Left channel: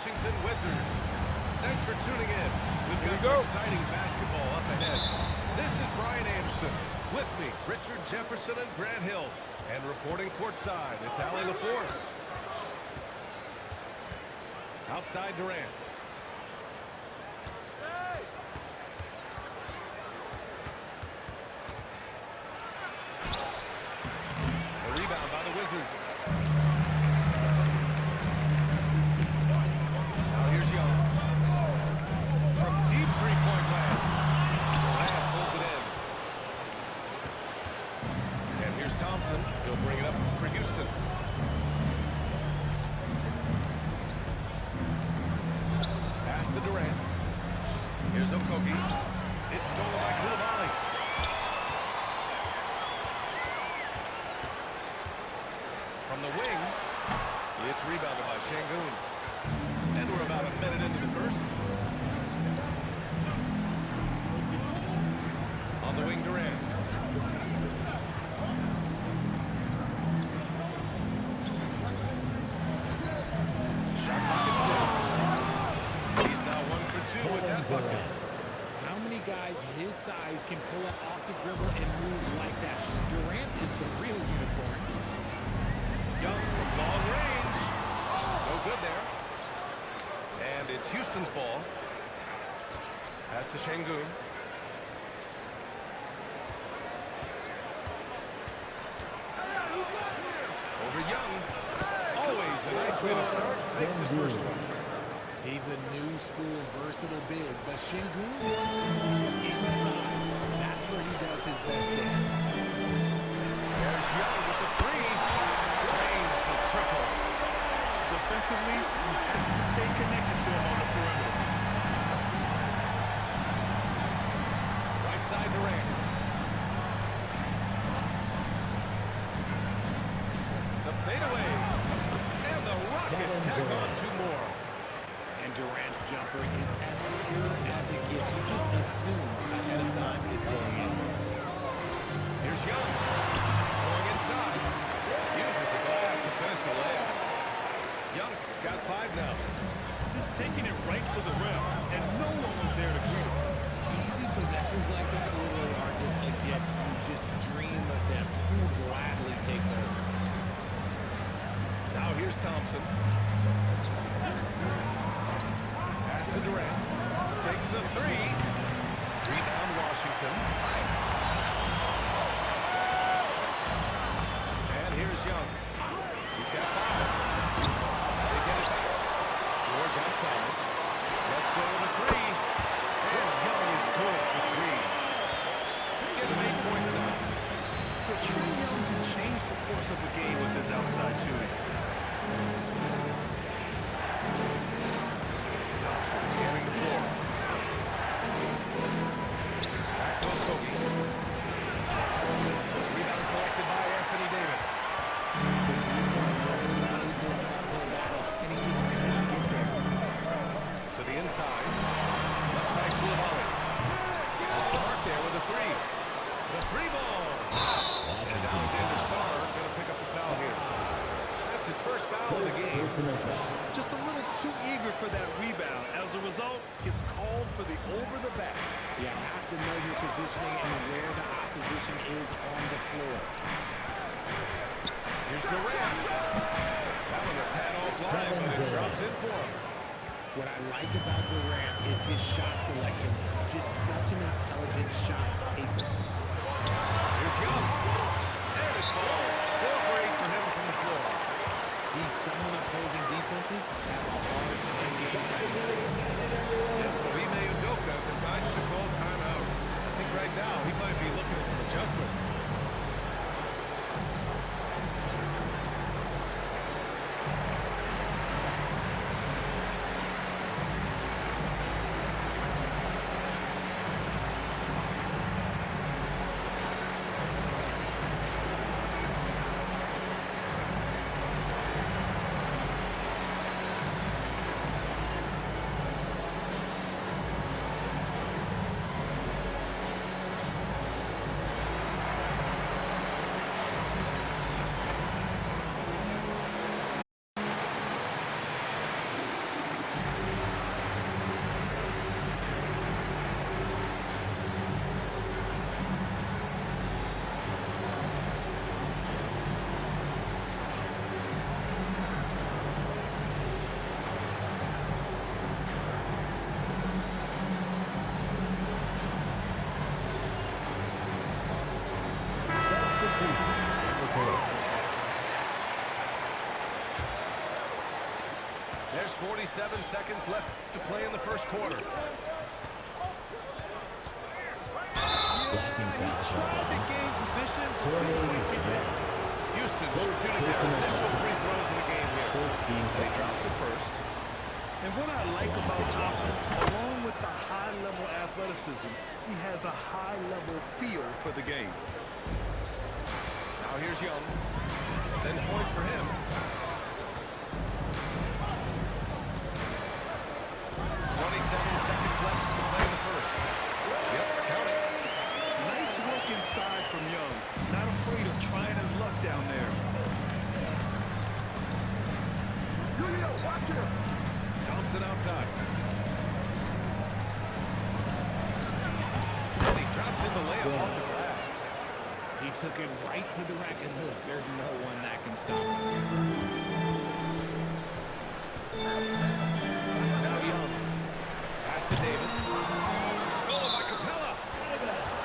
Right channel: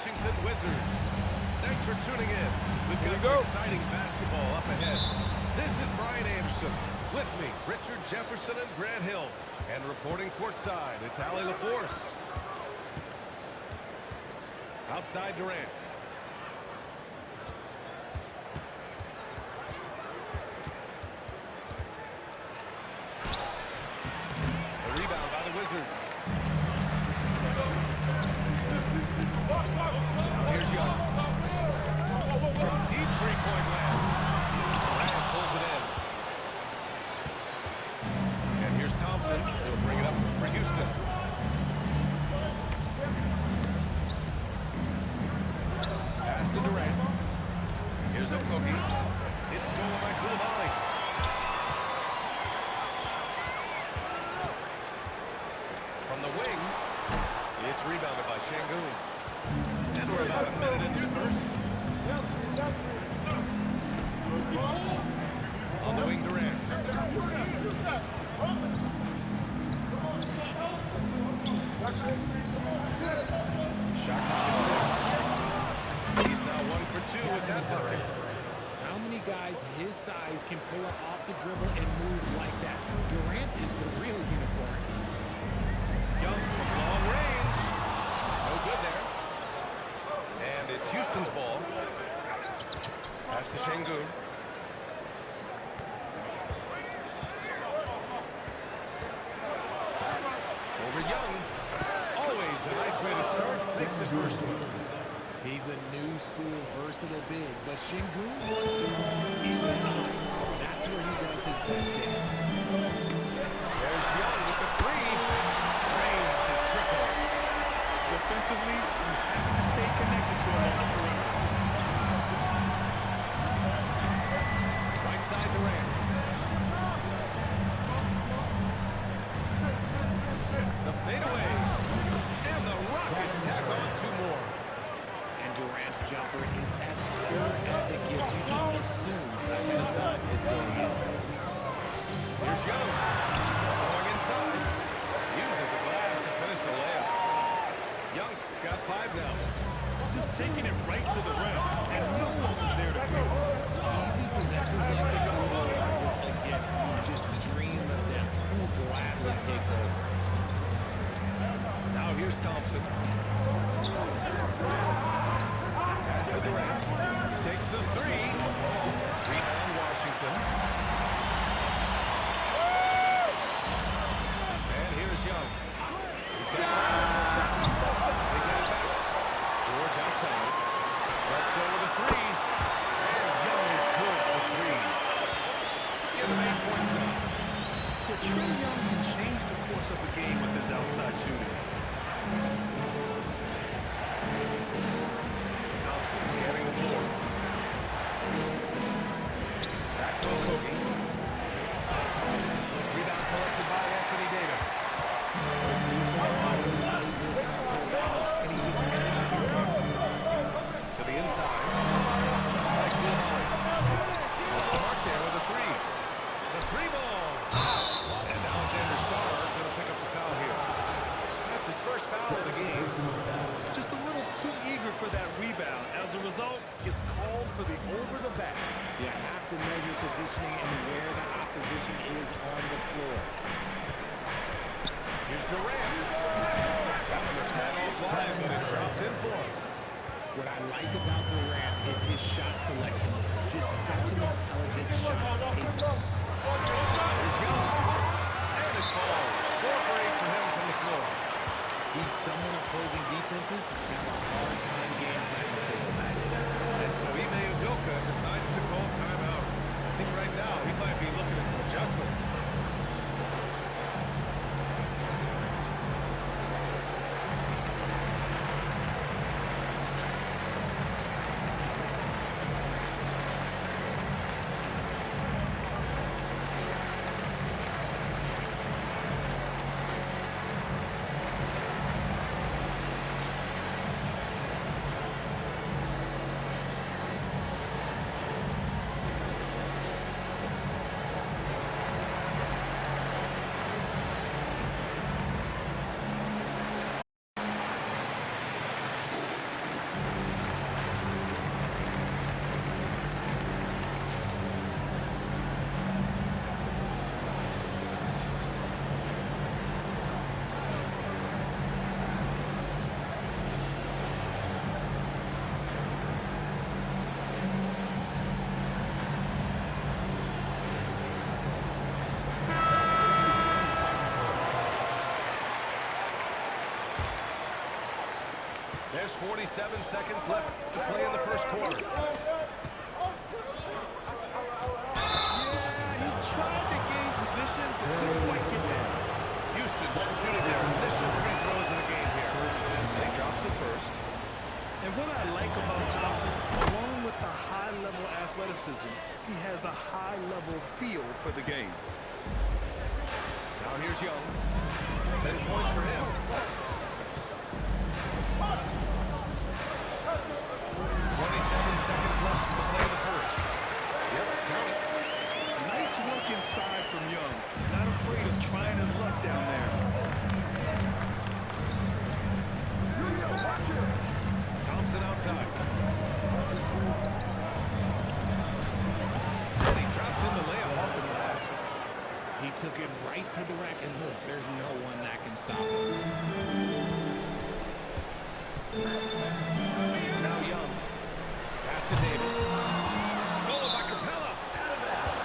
Washington Wizards. Thanks for tuning in. We've got some exciting basketball up ahead. This is Brian Anderson. With me, Richard Jefferson and Grant Hill. And reporting courtside, it's Allie LaForce. Outside Durant. A rebound by the Wizards. Now here's Young. From deep three-point land. Durant pulls it in. And here's Thompson. He'll bring it up for Houston. Pass to Durant. Here's Okogie. It's stolen by Coulibaly. From the wing, it's rebounded by Şengün. And we're about a minute into the first. On the wing, Durant. Shot clock at 6. He's now 1 for 2 with that bucket. How many guys his size can pull up off the dribble and move like that? Durant is the real unicorn. Young from long range. No good there. And it's Houston's ball. Pass to Şengün. Over Young. Always a nice way to start. Makes his first one. He's a new school versatile big, but Şengün wants the ball inside. That's where he does his best game. There's Young with the three. Drains the triple. Defensively, you have to stay connected to him on the perimeter. Right side Durant. The fadeaway. And the Rockets tack on 2 more. And Durant's jumper is as pure as it gets. You just assume ahead of time it's going in. Here's Young. Going inside. Uses the glass to finish the layup. Young's got 5 now. Just taking it right to the rim, and no one was there to greet him. Easy possessions like that literally are just a gift. You just dream of them. He'll gladly take those. Now here's Thompson. Pass to Durant. Takes the 3. Rebound Washington. And here's Young. He's got 5. They get it back. George outside. Let's go with a 3. And Young is good for 3. Give him 8 points now. But Trae Young can change the course of the game with his outside shooting. Thompson scanning the floor. Back to Okogie. Rebound collected by Anthony Davis. The defense really made this an uphill battle, and he just couldn't get there. To the inside. Left side Coulibaly. Off the mark there with a 3. The 3 ball. And Alexander Sarr going to pick up the foul here. That's his first foul of the game. Just a little too eager for that rebound. As a result, gets called for the over the back. You have to know your positioning and where the opposition is on the floor. Here's Durant. That was a tad offline, but it drops in for him. What I like about Durant is his shot selection. Just such an intelligent shot taker. Here's Young. And it falls. 4 for 8 for him from the floor. He's someone opposing defenses have a hard time game planning for. And so Ime Udoka decides to call timeout. I think right now he might be looking at some adjustments. There's 47 seconds left to play in the first quarter. Yeah, he tried to gain position, but couldn't quite get there. Houston shooting their initial free throws of the game here. And he drops it first. And what I like about Thompson, along with the high-level athleticism, he has a high-level feel for the game. Now here's Young. 10 points for him. 27 seconds left to play in the first. Yep, count it. Nice work inside from Young. Not afraid of trying his luck down there. Watch him. Thompson outside. And he drops in the layup off the glass. He took it right to the rack, and look, there's no one that can stop him. Now Young. Pass to Davis. Stolen by Capella.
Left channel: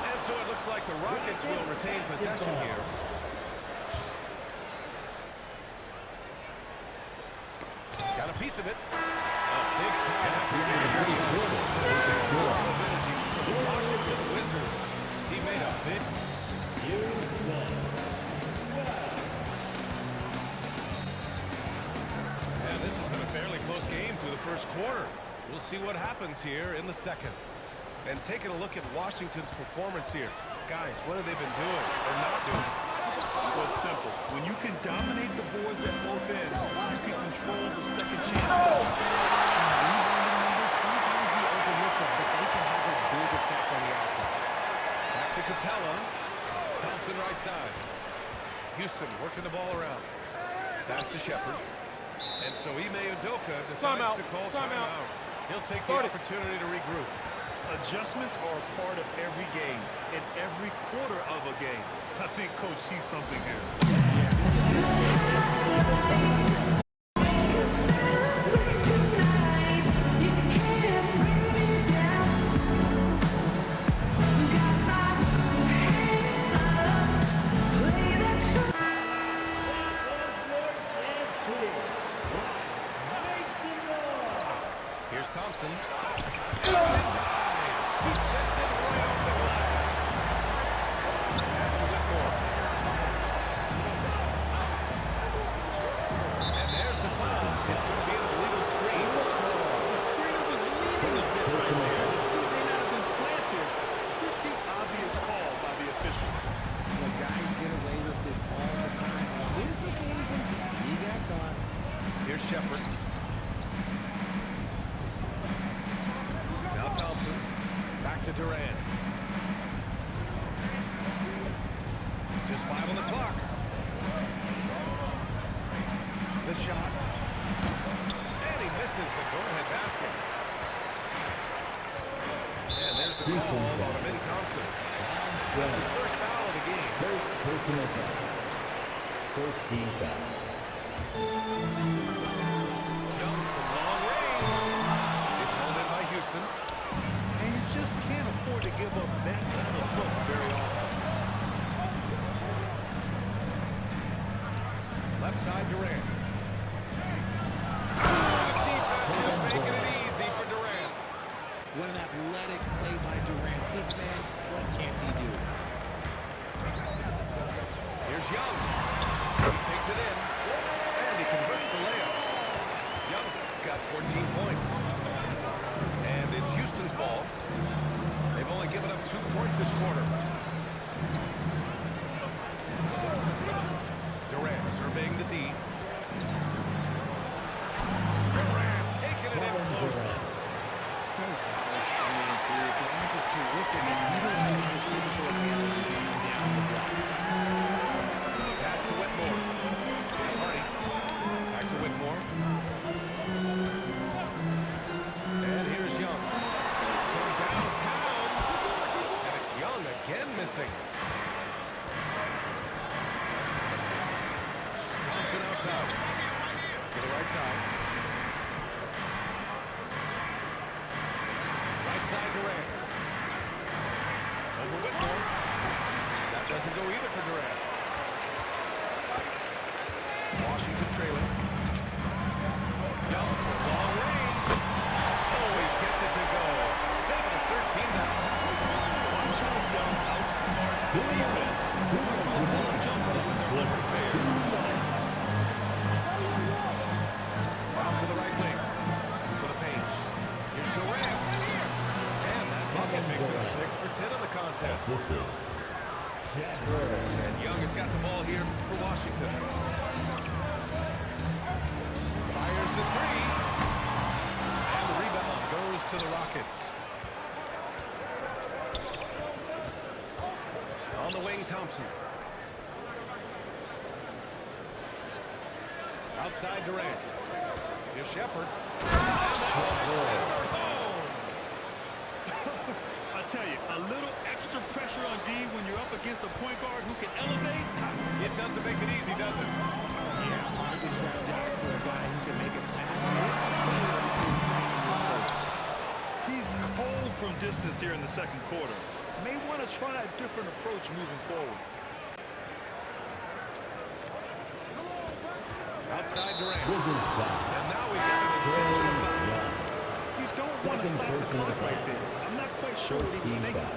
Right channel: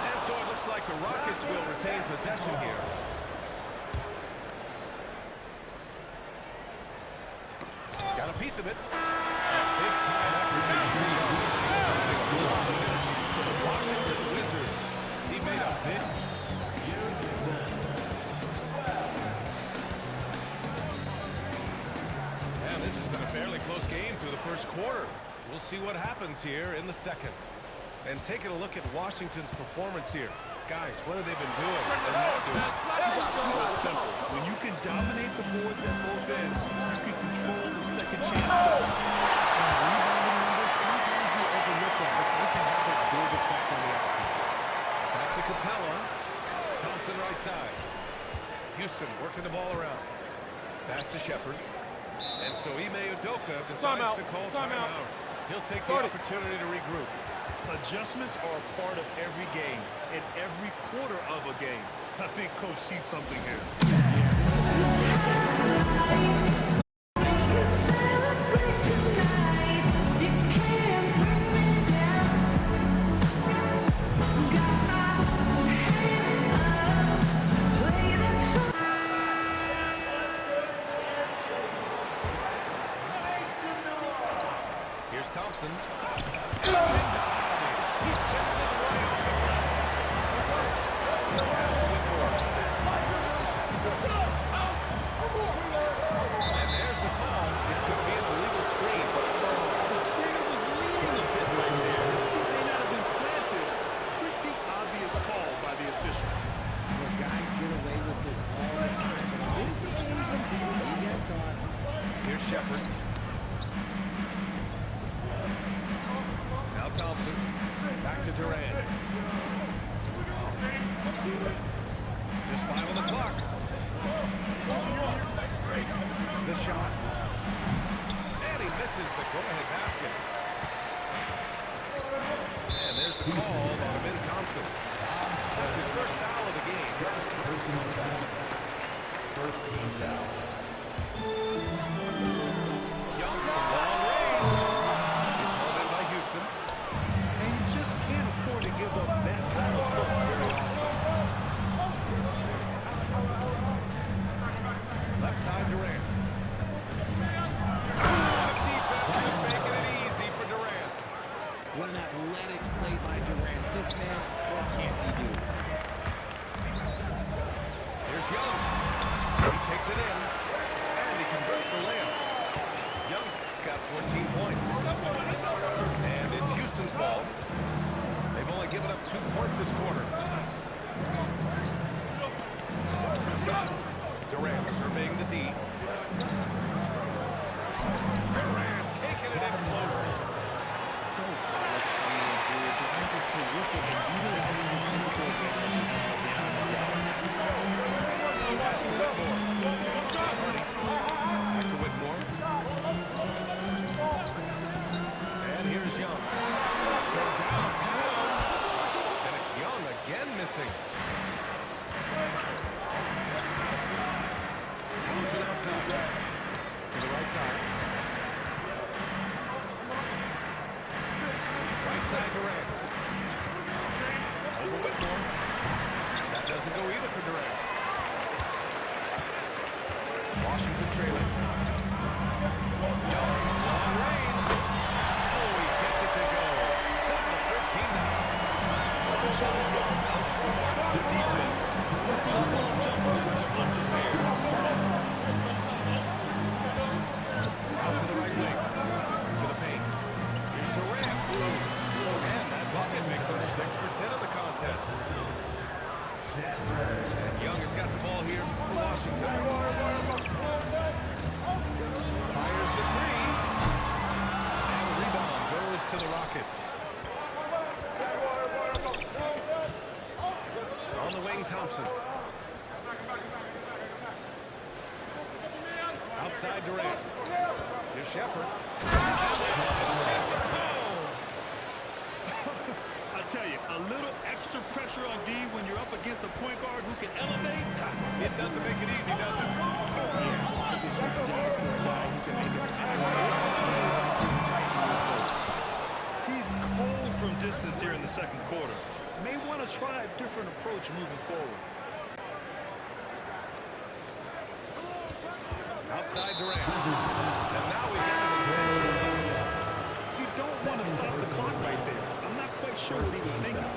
And so it looks like the Rockets will retain possession here. Got a piece of it. A big-time effort for Young. Providing a lot of energy for the Washington Wizards. He made a big... And this has been a fairly close game through the first quarter. We'll see what happens here in the second. And taking a look at Washington's performance here. Guys, what have they been doing or not doing? Well, it's simple. When you can dominate the boards at both ends, you can control the second chance stats. And rebounding numbers, sometimes we overlook them, but they can have a big effect on the outcome. Back to Capella. Thompson right side. Houston working the ball around. Pass to Shepherd. And so Ime Udoka decides to call timeout. He'll take the opportunity to regroup. Adjustments are a part of every game, in every quarter of a game. I think Coach sees something here. Here's Thompson. He sends it right off the glass. Pass to Whitmore. And there's the call. It's going to be an illegal screen. The screener was leading a bit right there. His feet may not have been planted. Pretty obvious call by the officials. Well, guys get away with this all the time, but on this occasion, he got caught. Here's Shepherd. Now Thompson. Back to Durant. Just 5 on the clock. The shot. And he misses the go-ahead basket. And there's the call on Amin Thompson. That's his first foul of the game. Personal foul. First team foul. Young from long range. It's hauled in by Houston. And you just can't afford to give up that kind of look very often. Left side, Durant. The defense just making it easy for Durant. What an athletic play by Durant. This man, what can't he do? Here's Young. He takes it in, and he converts the layup. Young's got 14 points. And it's Houston's ball. They've only given up 2 points this quarter. Durant surveying the D. Durant taking it in close. So polished from the interior. Durant is terrific at utilizing his physical advantages down the block. Pass to Whitmore. Here's Hardy. Back to Whitmore. And here's Young. From downtown. And it's Young again missing. Thompson outside. To the right side. Right side Durant. Over Whitmore. That doesn't go either for Durant. Washington trailing. Young from long range. Oh, he gets it to go. 7 of 13 now. Watch how Young outsmarts the defense. Going for the pull-up jumper when they're unprepared. Out to the right wing. To the paint. Here's Durant. And that bucket makes him 6 for 10 in the contest. And Young has got the ball here for Washington. Fires the three. And the rebound goes to the Rockets. On the wing, Thompson. Outside Durant. Here's Shepherd. I tell you, a little extra pressure on D when you're up against a point guard who can elevate. It doesn't make it easy, does it? Yeah, hard to strategize for a guy who can make a pass or a play like this right in your face. He's cold from distance here in the second quarter. May want to try a different approach moving forward. Outside Durant. And now we've got an intentional foul. You don't want to stop the clock right there. I'm not quite sure what he was thinking.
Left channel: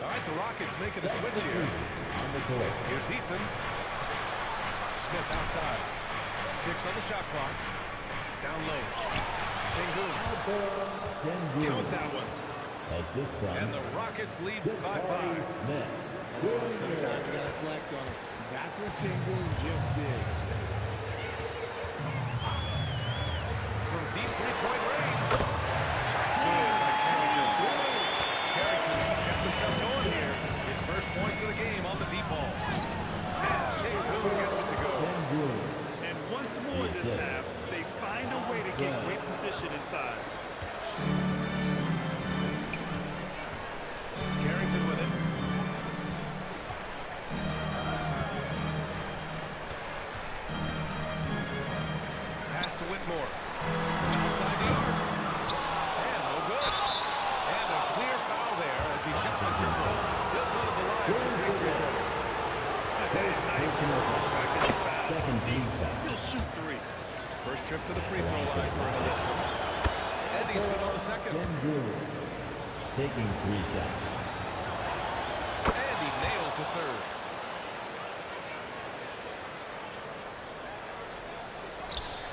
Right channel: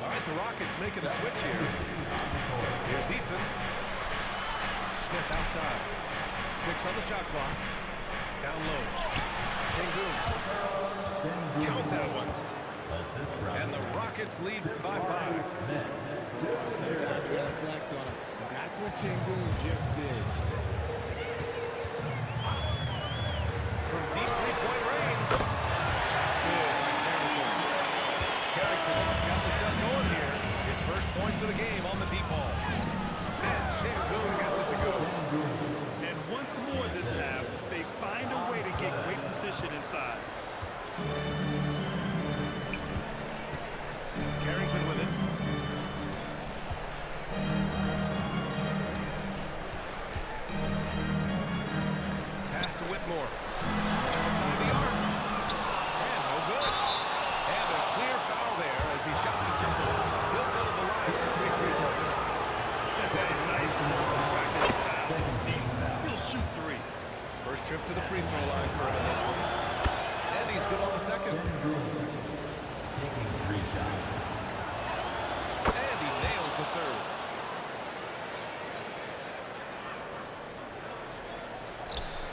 All right, the Rockets making a switch here. Here's Easton. Smith outside. 6 on the shot clock. Down low. Sengun. Count that one. And the Rockets lead by 5. Oh, sometimes you gotta flex on him. That's what Sengun just did. From deep three-point range. Shots good by Carrington. Carrington got himself going here. His first points of the game on the deep ball. And Sengun gets it to go. And once more this half, they find a way to get great position inside. Carrington with it. Pass to Whitmore. From outside the arc. And no good. And a clear foul there as he shot the triple. He'll go to the line for 3 free throws. That is nice work for tracking the foul. He'll shoot 3. First trip to the free throw line for him in this one. And he's good on the second. Taking 3 shots. And he nails the third.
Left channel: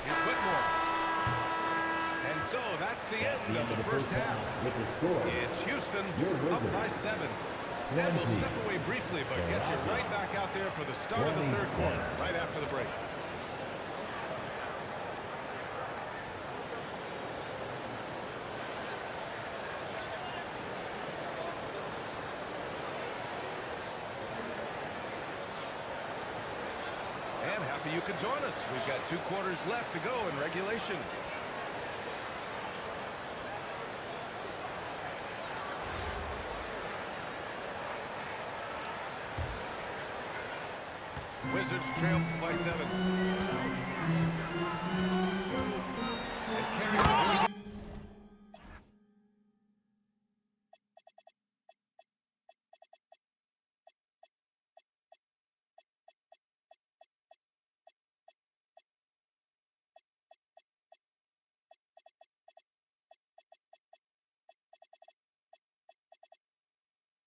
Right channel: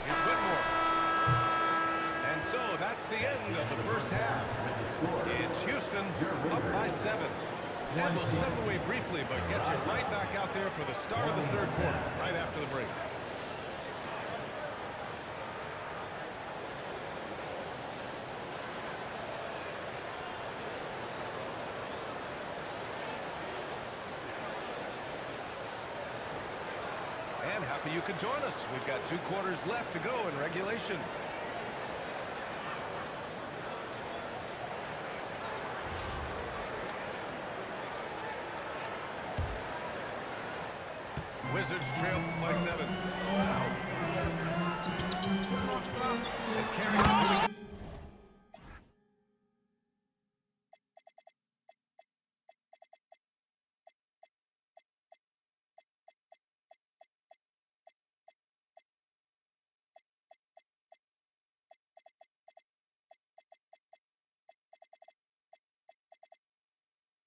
Here's Whitmore. And so that's the end of the first half. With the score. It's Houston up by 7. And we'll step away briefly, but get you right back out there for the start of the third quarter, right after the break. And happy you could join us. We've got 2 quarters left to go in regulation. Wizards trail by 7. And Carrington.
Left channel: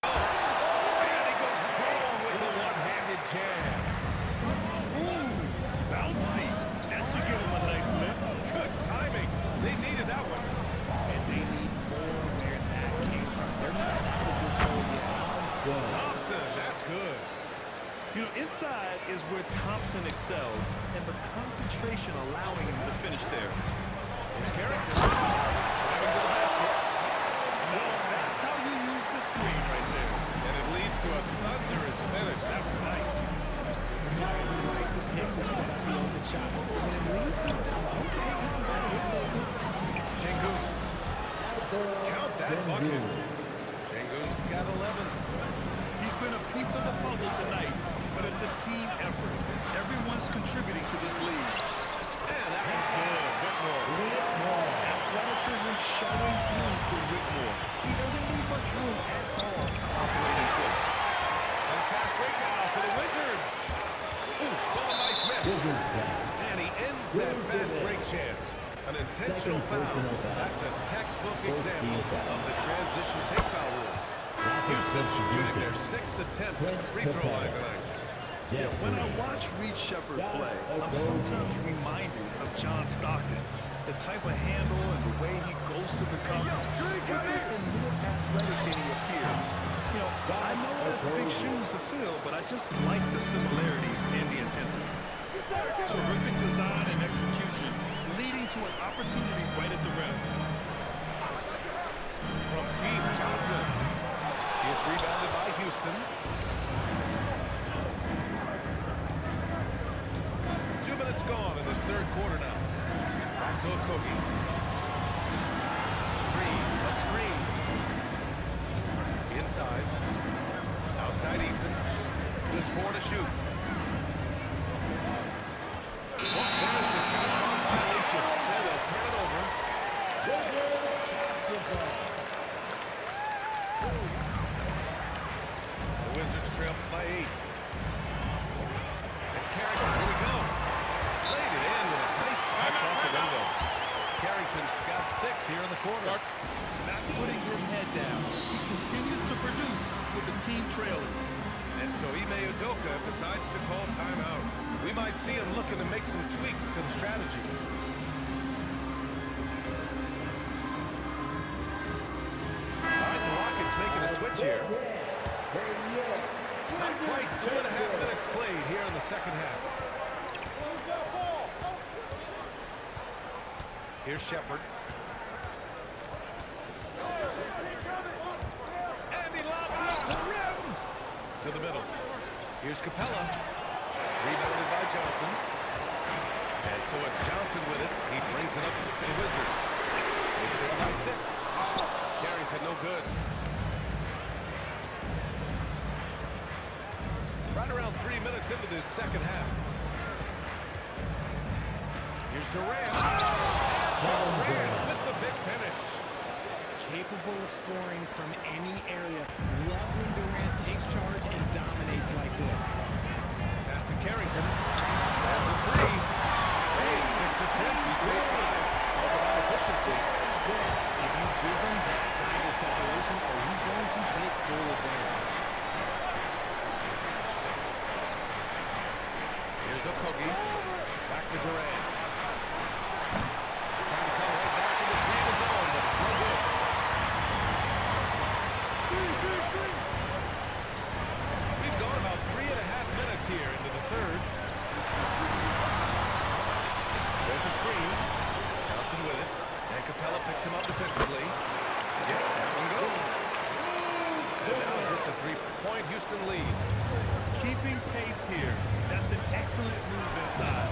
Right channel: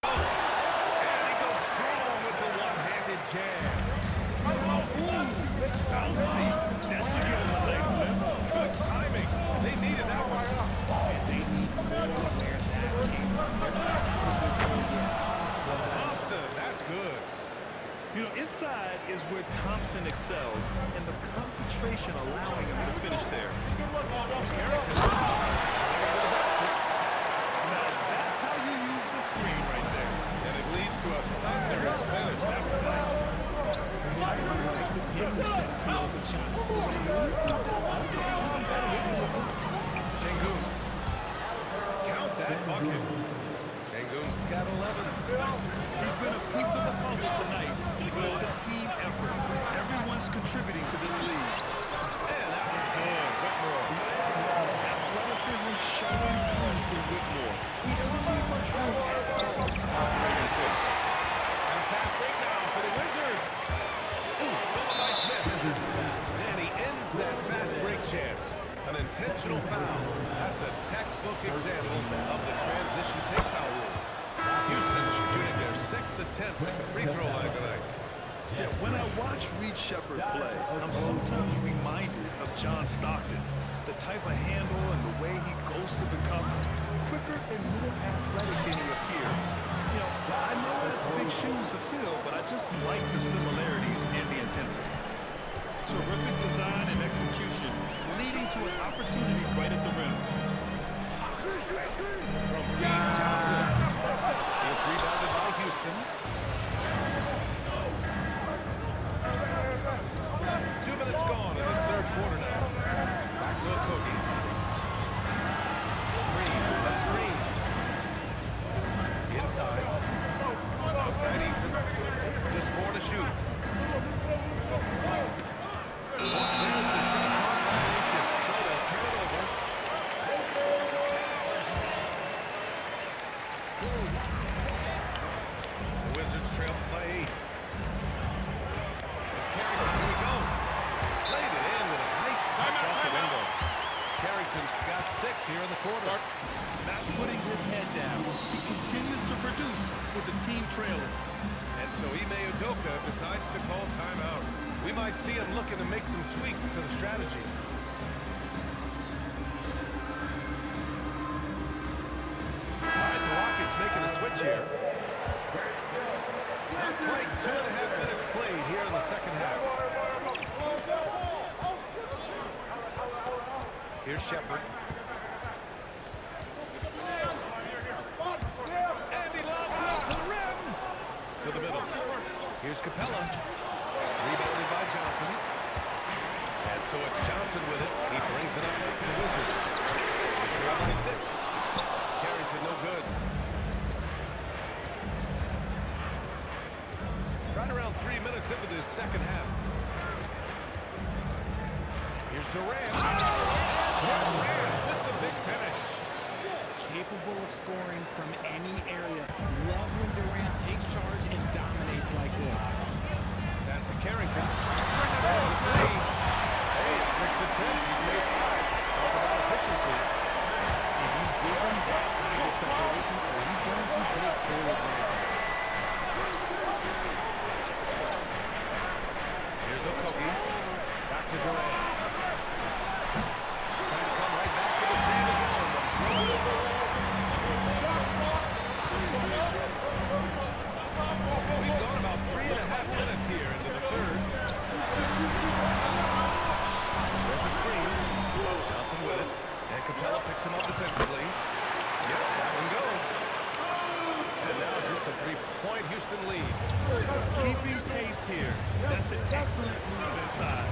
And he goes strong with the one-handed jab. Ooh, bouncy. That should give him a nice lift. Good timing. They needed that one. And they need more where that came from. They're not out of this hole yet. Thompson, that's good. You know, inside is where Thompson excels, and the concentration allowing him to finish there. Here's Carrington driving to the basket. Now that's how you use the screen right there. And it leads to a thunderous finish. That was nice. Exactly like the pick to set up the open shot. But when it leads to a double, okay, even better, we'll take it. Sengun. Count that bucket. Sengun's got 11. He's been a piece of the puzzle tonight, but it's a team effort. Everyone's contributing to this lead. And that one's good. Whitmore. Athleticism showing through for Whitmore. He doesn't need much room at all to operate in place. And a fast break now for the Wizards. Ooh, stolen by Smith. Wizards foul. And he ends that fast break chance. An intentional foul. That's a textbook example of the transition take foul rule. Houston shooting their 6th attempt at the free throw line tonight. Yeah, when I watch Reed Shepherd play, I'm sometimes reminded of John Stockton. The type of handle and the way he goes to the cup, quicker and more athletic than he appears. You know, I know that's big shoes to fill, but I just like the similarities and the intensity. Terrific design and execution, leading to an opportunity right at the rim. From deep, Johnson. It's rebounded by Houston. 2 minutes gone in this third quarter now. Back to Okogie. Green, a screen. Inside. Outside Eason. Just 4 to shoot. Oh, there's the shot clock violation. So they'll turn it over. The Wizards trail by 8. And Carrington, here we go. Played it in with a nice touch off the window. Carrington's got 6 here in the quarter. Not putting his head down. He continues to produce with the team trailing. And so Ime Udoka decides to call timeout. We might see him looking to make some tweaks to the strategy. All right, the Rockets making a switch here. Not quite 2.5 minutes played here in the second half. Here's Shepherd. And he lobs it up to the rim. To the middle. Here's Capella. Rebounded by Johnson. And so it's Johnson with it. He brings it up to the Wizards. They trail by 6. Carrington no good. Right around 3 minutes into this second half. Here's Durant. And Durant with the big finish. Capable of scoring from any area. Love when Durant takes charge and dominates like this. Pass to Carrington. There's the 3. Hey, in 6 attempts, he's made 5. Talk about efficiency. If you give him that kind of separation, he's going to take full advantage. Here's Okogie. Back to Durant. Trying to come right back with a 3 of his own, but it's no good. We've gone about 3.5 minutes here into the third. There's a screen. Johnson with it. And Capella picks him up defensively. Yep, that one goes. And now just a 3-point Houston lead. Keeping pace here. That's an excellent move inside.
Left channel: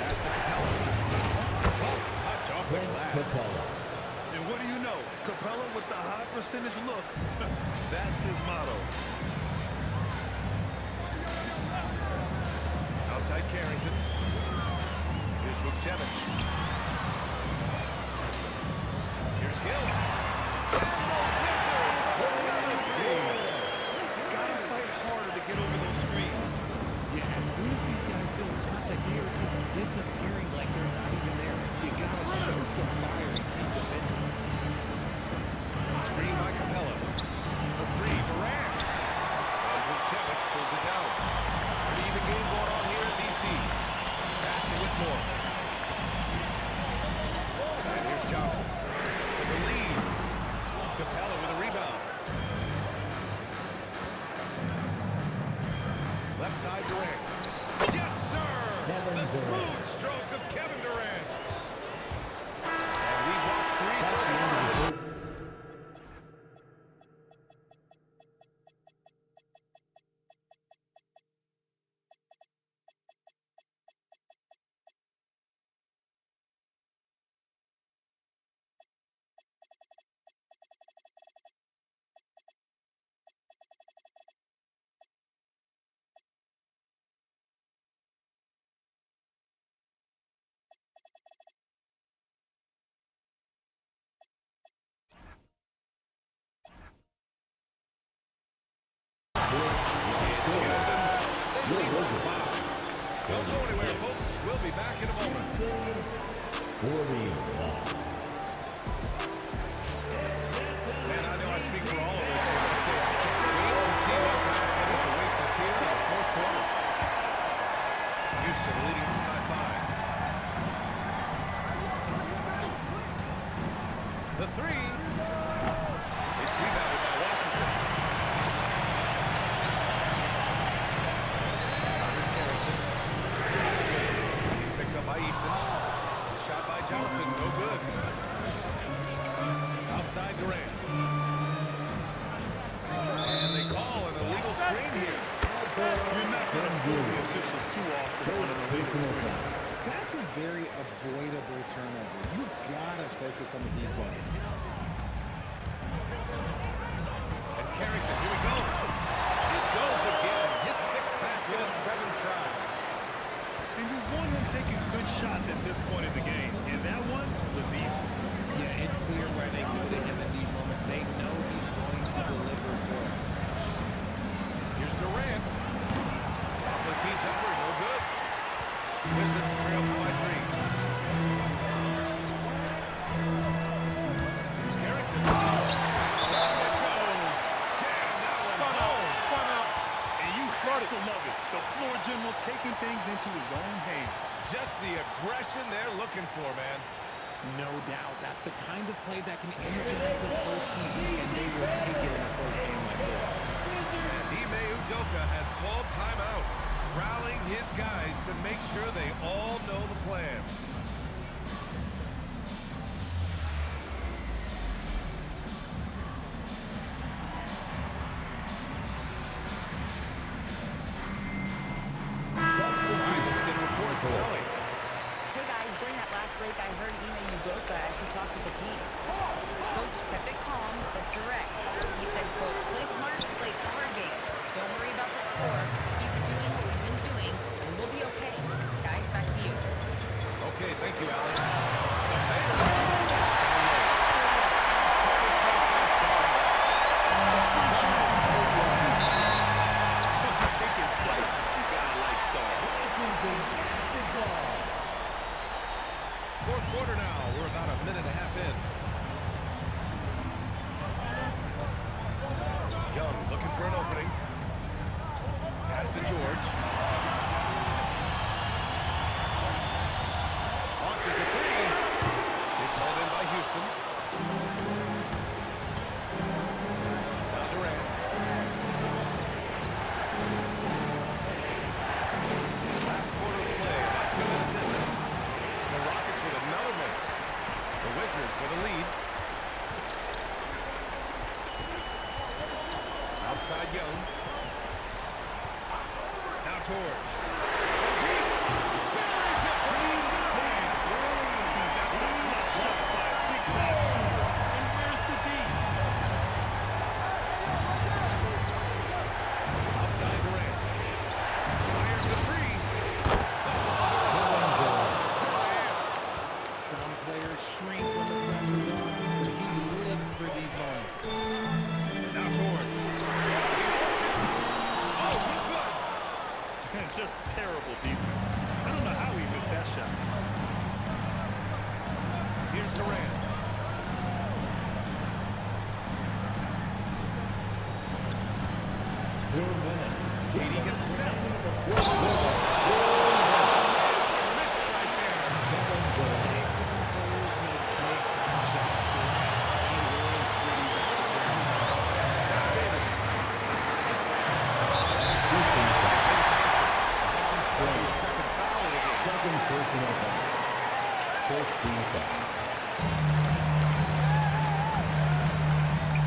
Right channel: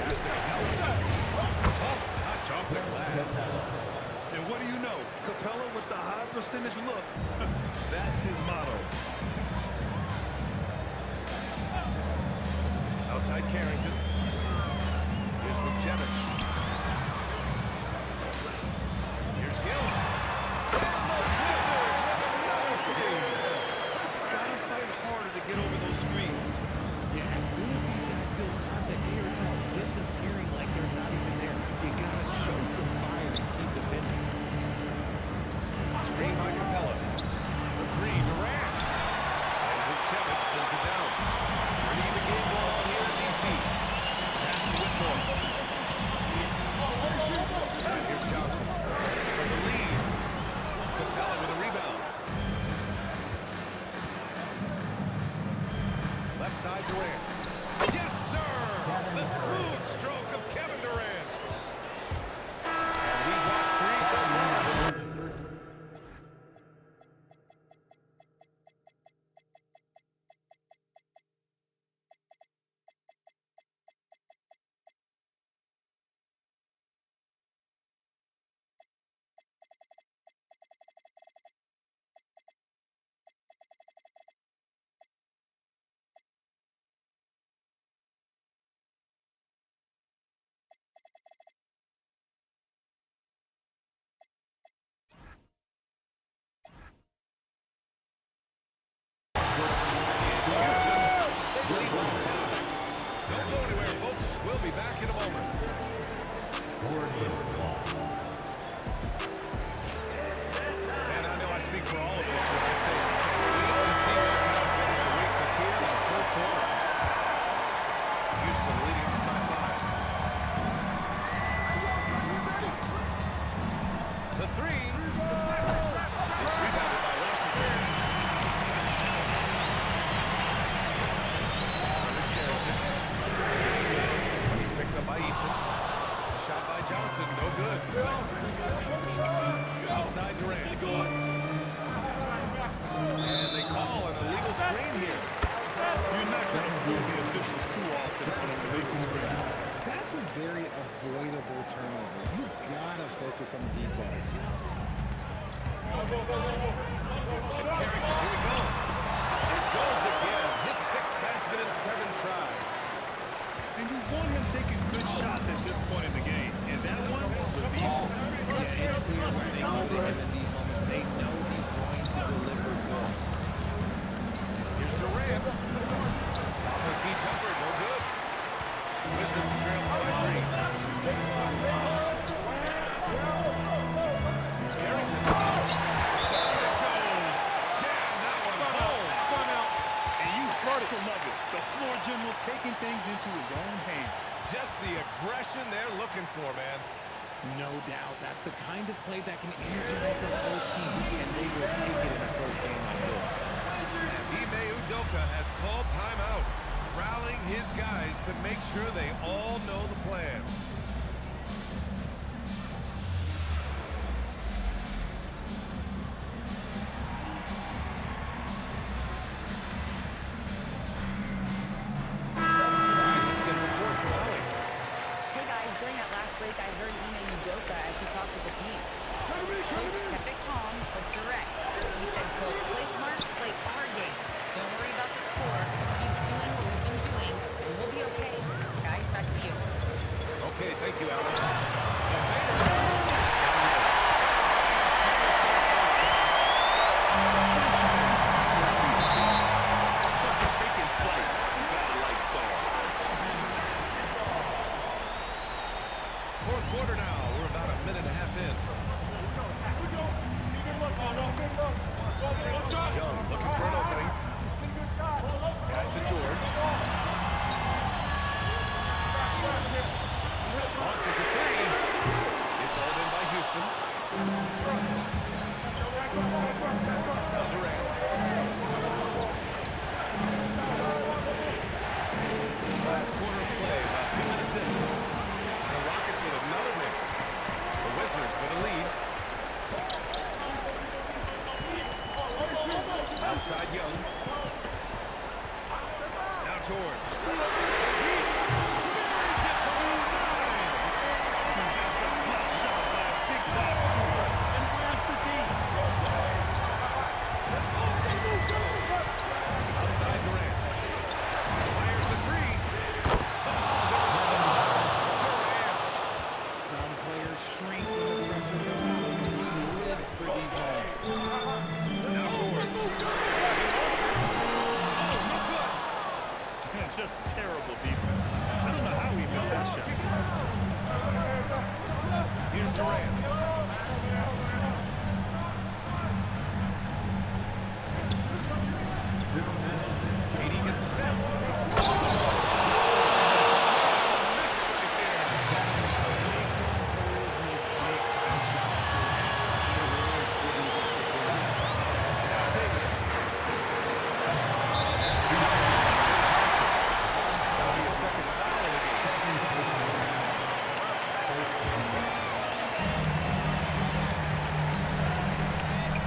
Pass to Capella. Soft touch off the glass. And what do you know? Capella with the high percentage look. That's his motto. Outside Carrington. Here's Vukcevic. Here's Gill. And the Wizards with another 3. Gotta fight harder to get over those screens. Yeah, as soon as these guys build contact, they are just disappearing like they're not even there. You gotta show some fire and keep defending. Screen by Capella. For 3, Durant. And Vukcevic pulls it down. Pretty even game going on here in D.C. Pass to Whitmore. And here's Johnson for the lead. Capella with a rebound. Left side Durant. Yes, sir! The smooth stroke of Kevin Durant. And we've watched 3 so far. be back in a moment. 41. Man, I know I speak for all of us when I say I can't wait to see what kind of finish awaits us here in the fourth quarter. Houston leading by 5. The three. It's rebounded by Washington. Now here's Carrington. Johnson with it. He's picked up by Eason. The shot by Johnson, no good. Outside Durant. And they call an illegal screen here. You're not going to fool the officials too often on an illegal screen. That's a very avoidable turnover. You gotta focus on the details. And Carrington, here we go. It goes again. His 6th basket in 7 tries. And you want him taking good shots at this point in the game. And that one was easy. Yeah, it's clear why they go to him in these moments. They know he's going to deliver for them. Here's Durant. Top of the key jumper, no good. Wizards trail by 3. Here's Carrington. Down it goes. Jam that one home. Timeout. And you have to love it. The floor general taking things into his own hands. Just the aggression they're looking for, man. No doubt. That's the kind of play that can energize the whole team, and they will take it in a close game like this. And Ime Udoka has called timeout, rallying his guys to make sure they all know the plan. All right, let's get a report from Ellie. Hey guys, during that last break, I heard Ime Udoka as he talked with the team. Coach kept it calm, but direct. He said, quote, play smart, play our game. Don't worry about the score. Keep doing what we've been doing, and we'll be okay. Guys, back to you. Okay, thank you, Allie. The fader. Down low. And finished off by Sarr. The Frenchman. Super taking flight. You gotta like Sarr. Fourth quarter now. We're about a minute and a half in. Young looking for an opening. Pass to George. Launches a 3. It's hauled in by Houston. Now Durant. Last quarter of play, about 2 minutes in now. The Rockets with another miss. The Wizards with a lead. Outside Young. Now George. From deep. Buries it from outside. That's a clutch shot by a big-time shooter. And where's the D? Outside Durant. Fires the 3. Oh, the response. Durant. Some players shrink when the pressure's on, but he lives for these moments. Now George. He launches. Oh, no good. Just terrible defense. I don't know how he missed that shot. Here's Durant. Katie gets a step. Miss it right there. Big-time players make big-time shots. Durant, he lives for these opportunities. Now Davis. Ben Thompson. That'll be a second foul of the game. Second personal foul. First team foul.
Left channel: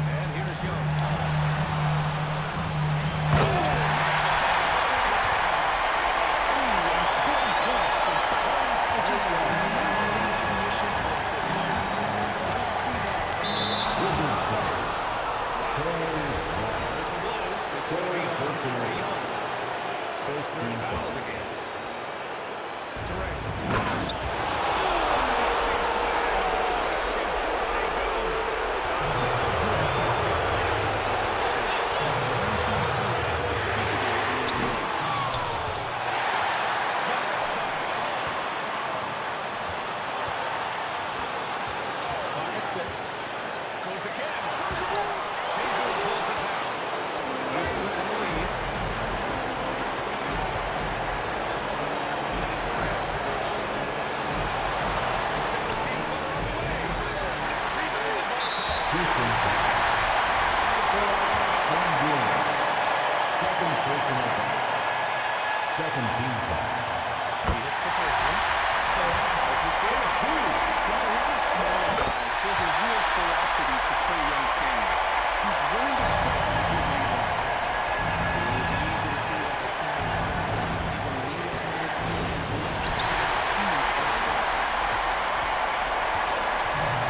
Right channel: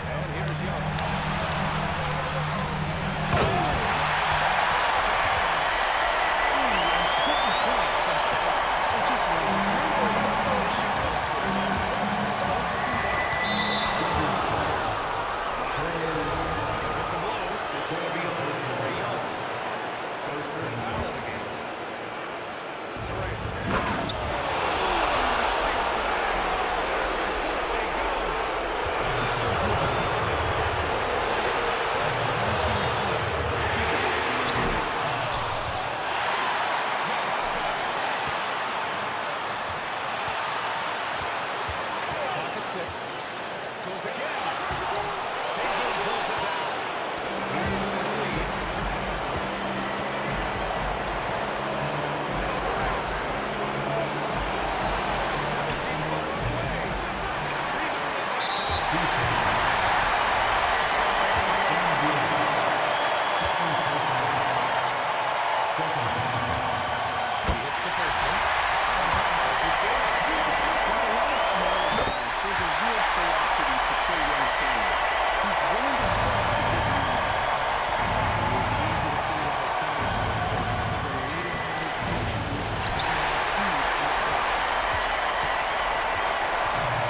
And here's Young. Important points from Sarr. And just remember the condition of the moment. Don't see that with players. Whistle blows. It's going to be on Trae Young. First third foul of the game. Durant. Amazing slam. Back and forth they go. It's so good to see Smith passing the ball like this. Long-term plays as a distributor in the NBA. Young outside. 6. Goes again. Şengün pulls it down. Houston in the lead. Now Durant. 17-footer on the way. Rebounded by Smart. Houston foul. Second personal foul. Second team foul. He hits the first one. And that ties this game up. Like a lot of smaller guys, there's a real ferocity to Trae Young's game. He's willing to start to get what he wants. It's easy to see why his teammates trust him. He's a leader on this team and loves coming out huge in the clutch.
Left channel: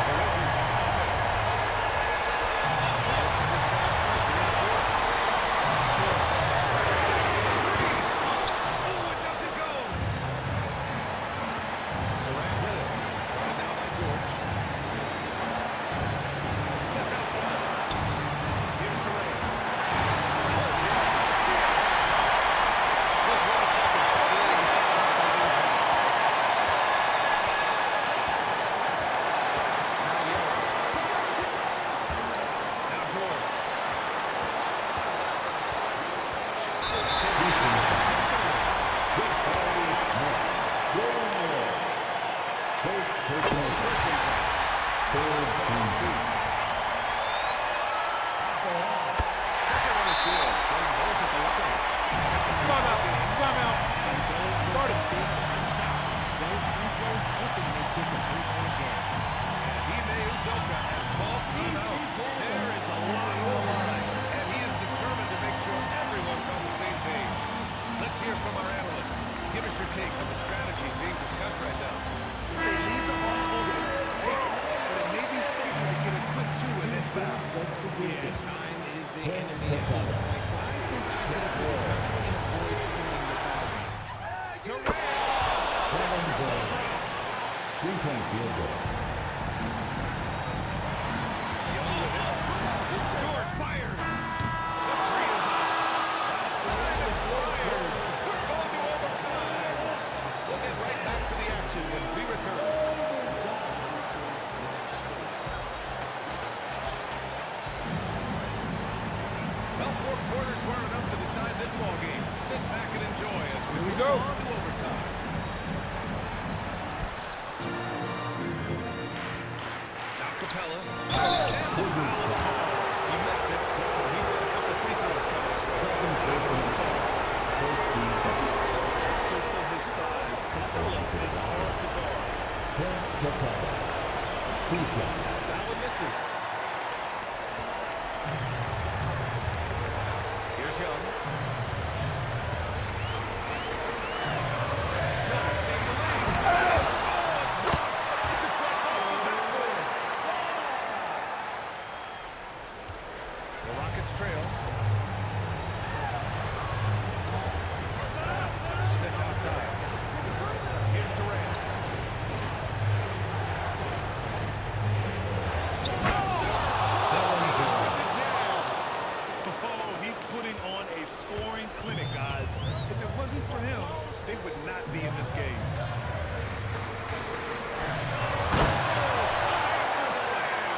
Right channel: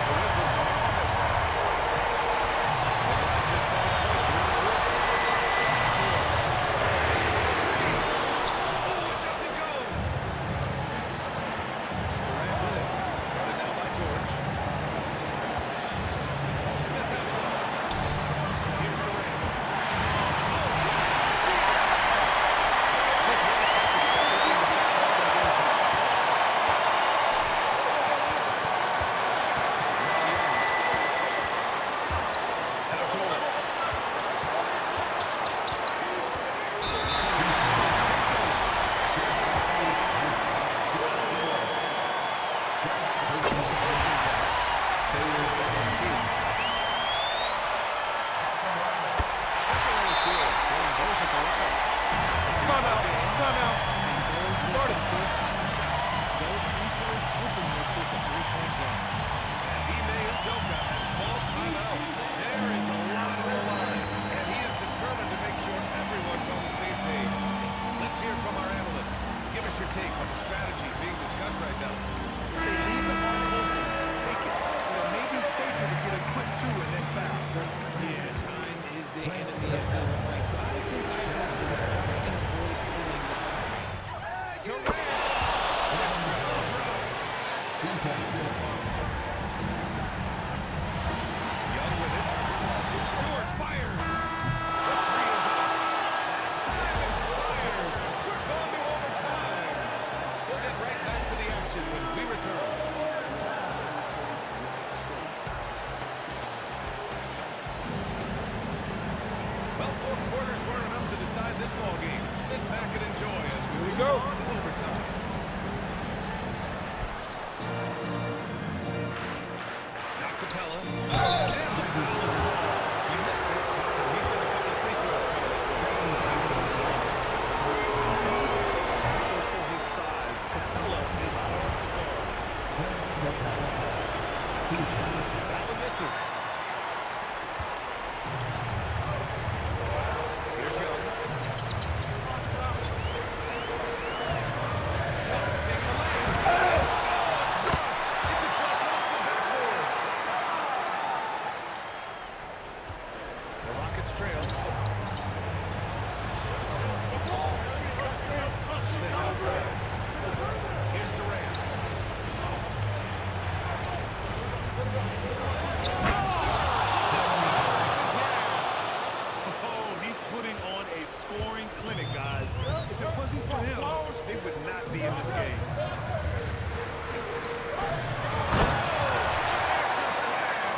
The Wizards on offense. Well, just 7 points here in the fourth. George. Three. Oh, it doesn't go. Durant with it. Guarded now by George. Smith outside. Here's Durant. Oh, George with a steal. Just 1 second separating the shot clock and the game clock. Now Young. Now George. Intentionally. First The personal first one drops. Third on 2. Second one is good. Getting both at the line. And it's a Timeout. game. Timeout. And those were some big-time shots. Those free throws helping make this a three-point game. And Ime Udoka has called timeout. There is a lot on the line. And he is determined to make sure everyone's on the same page. Let's hear from our analyst. Give us your take on the strategy being discussed right now. If they leave the arm open, take it. But it may be safer to get a quick 2 and then foul. Yeah, time is the enemy at this point, so I think I go for the tie and avoid playing the foul game. Durant. The triple drops. 3-point field goal. Young with it. George fires. The three is up. Time expires. We're going to overtime. We'll get right back to the action when we return. Well, 4 quarters weren't enough to decide this ball game. Sit back and enjoy as we move go. on to overtime. Now Capella. And the foul is called. He missed it, so he's got a couple of free throws coming his way. That was on Sarr. First team And foul. just so active for his size, Capella is hard to guard. Capella. 2 shots. That one misses. Here's Young. Young seeing the lane. Oh, it's blocked. It deflects off the backboard. The Rockets trail. Smith outside. Here's Durant. Oh, he's putting on a scoring clinic, guys. If it wasn't for him, they would not be in this game. Unanswered slam.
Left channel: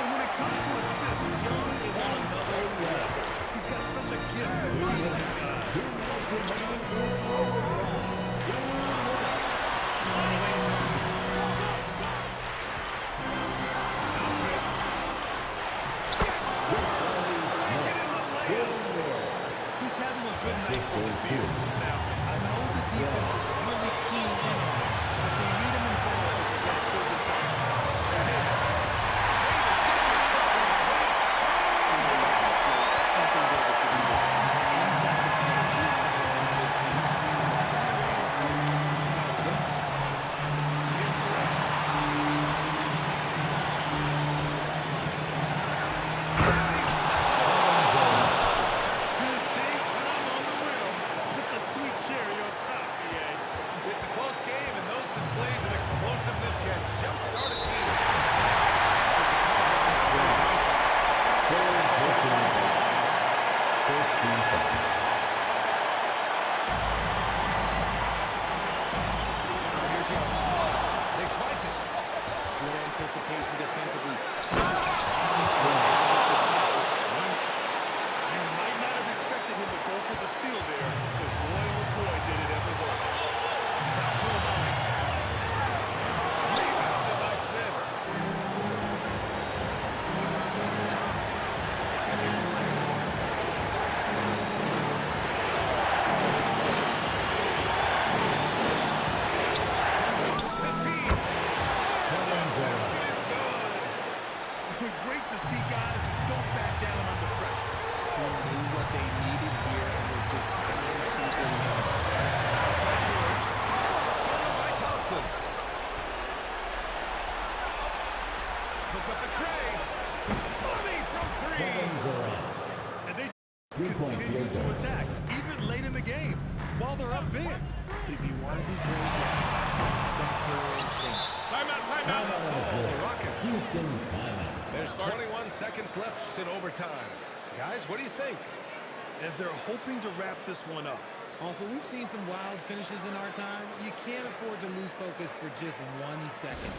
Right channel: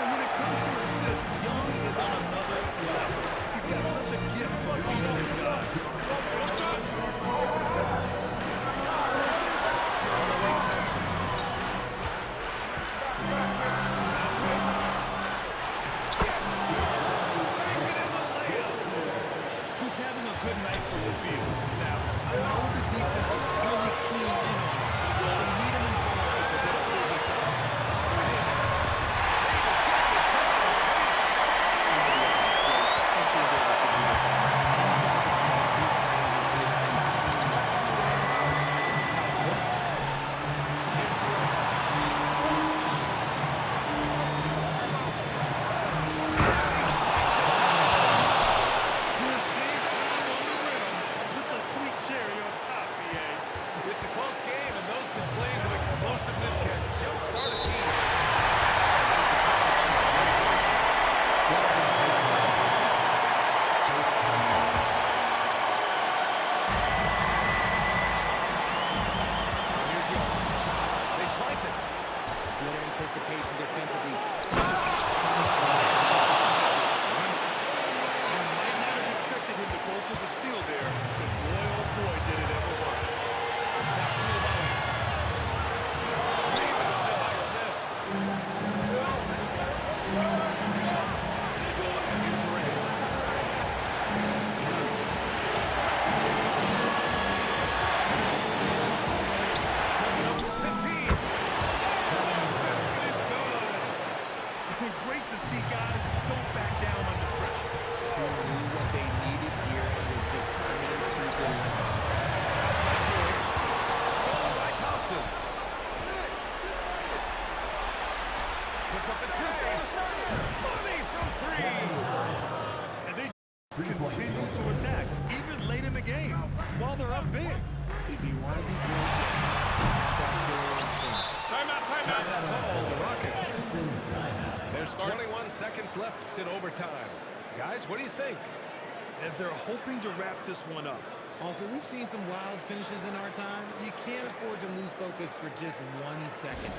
And when it comes to assists, Young is on another level. He's got such a gift for feeding his guys. On the wing, Thompson. Now Smith. Yes, sir. Make it in the layup. He's having a good night from the field. Now, I know the defense is really keen in on him, but they need him involved if they're going to pull this out. Davis. Davis getting it done on the paint. Anthony Davis could do this. Inside the paint, his frame just gives him too much of an advantage. Thompson. Here's Durant. His game time on the rim puts a sweet cherry on top, BA. It's a close game, and those displays of explosiveness can jumpstart a team. That is the call on Jimmy Tyson. First team foul. Now here's Young. They swipe it. Good anticipation defensively. You might not have expected him to go for the steal there, but boy, oh boy, did it ever work. Now Koulibaly. Rebounded by Smith. And here's Durant. Puts it up to 15. And that basket is good. Great to see guys who don't back down under pressure. He knew what they needed here and was determined to deliver. Outside George. Stolen by Thompson. Puts up the tray. Money from three. And they continue to attack, even late in the game, while they're up big. If you want to be great, you have to have that killer instinct. Timeout call, the Rockets. Houston timeout. There's 21 seconds left in overtime. Guys, what do you think? And they're hoping to wrap this one up. Also, we've seen some wild finishes in our time. You can't afford to lose focus for just 1 second.